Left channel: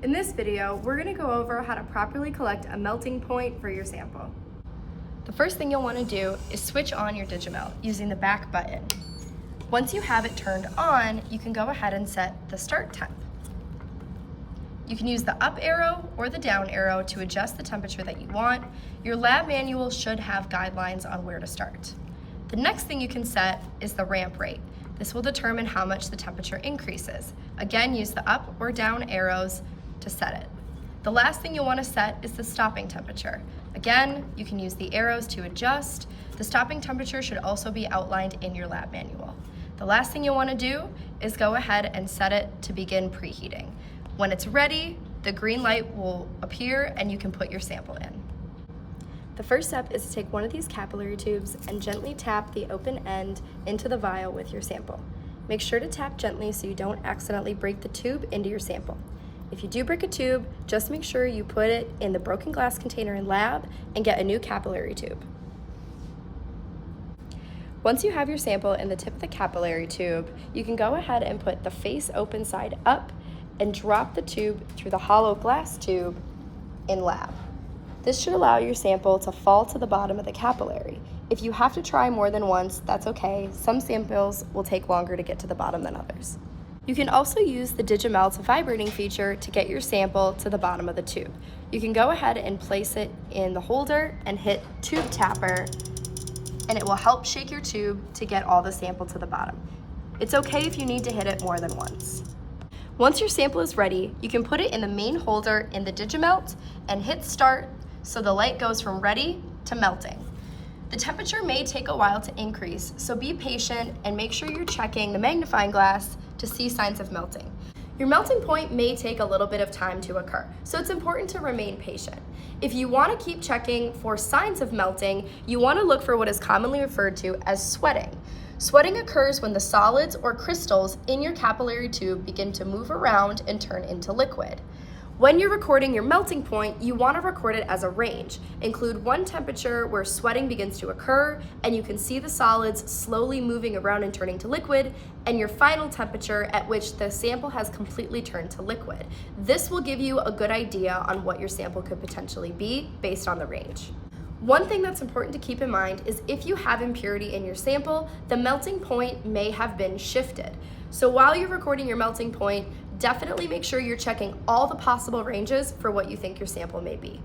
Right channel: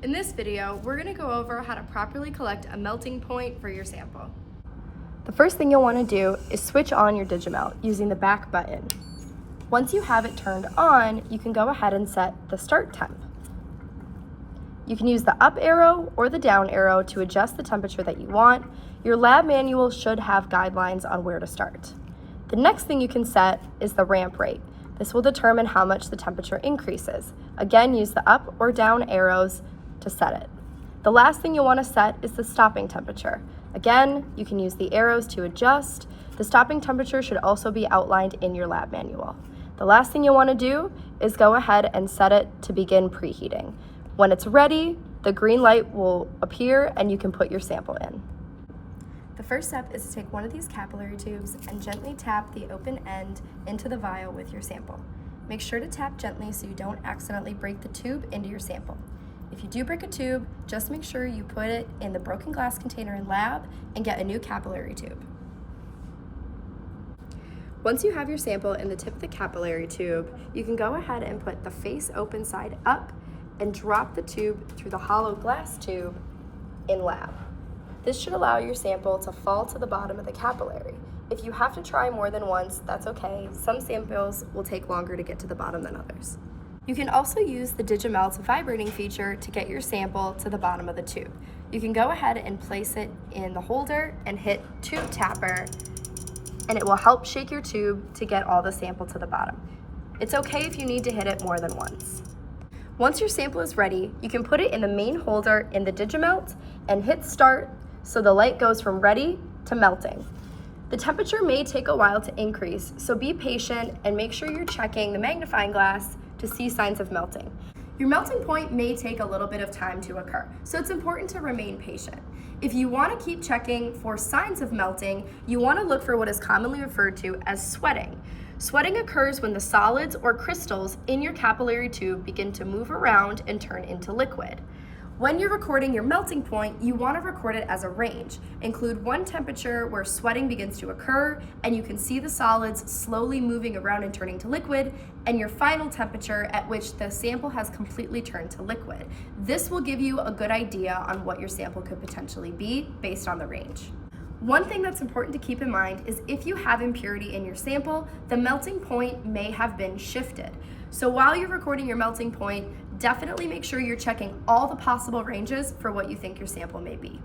In this video, we're going to go over how to properly collect a melting point for your sample. The first thing you'll want to do is switch on your Digimelt using the back button. Once you have it turned on, you can go ahead and set the start temp. You can use the up arrow or the down arrow to adjust the temperature that you want. Your lab manual should have guidelines on where to start. The next thing you can set is the ramp rate. This will determine how much the temperature increases. Again, use the up or down arrows to set it. The last thing you'll want to set is the stopping temperature. Again, you can use the arrows to adjust. The stopping temperature should also be outlined in your lab manual. The last thing you'll want to do is go ahead and set it to begin preheating. When it's ready, the green light will appear and you can put your sample in. The first step is to take one of these capillary tubes and gently tap the open end into the vial with your sample. Make sure to tap gently so you don't accidentally break the tube into your sample. If you do break a tube, just make sure you put it in the broken glass container in lab and get a new capillary tube. Once you have your sample in the tip of the capillary tube, you can go ahead and put the face open side up and drop the tube through the hollow glass tube in lab. This should allow your sample to fall to the bottom of the capillary. If you have to try more than once, that's okay. Some samples will take longer to get to the bottom than others. You can also use the Digimelt's vibrating feature to get your sample to the bottom of the tube. You can go ahead and place it in the holder and hit tube tapper, and it will help shake your tube to get all the sample to the bottom. It's okay if you need to hit it more than once. Once your sample is ready, you can put it in the main holder in the Digimelt and hit start so the light goes from ready to melting. The temperature may take a while to increase, so be patient and make sure you're checking the magnifying glass to see signs of melting. Your melting point may take a little bit of time to occur, so it's important to remain patient. If you want to keep checking for signs of melting, you want to look for what is commonly referred to as sweating. Sweating occurs when the solids or crystals in your capillary tube begin to move around and turn into liquid. When you're recording your melting point, you want to record it as a range. Include one temperature where sweating begins to occur and you can see the solids slowly moving around and turning to liquid, and your final temperature at which the sample has completely turned to liquid. This will give you a good idea on what your sample could potentially be based on the range. One thing that's important to keep in mind is if you have impurity in your sample, the melting point may have been shifted. So while you're recording your melting point, definitely make sure you're checking all the possible ranges for what you think your sample may be.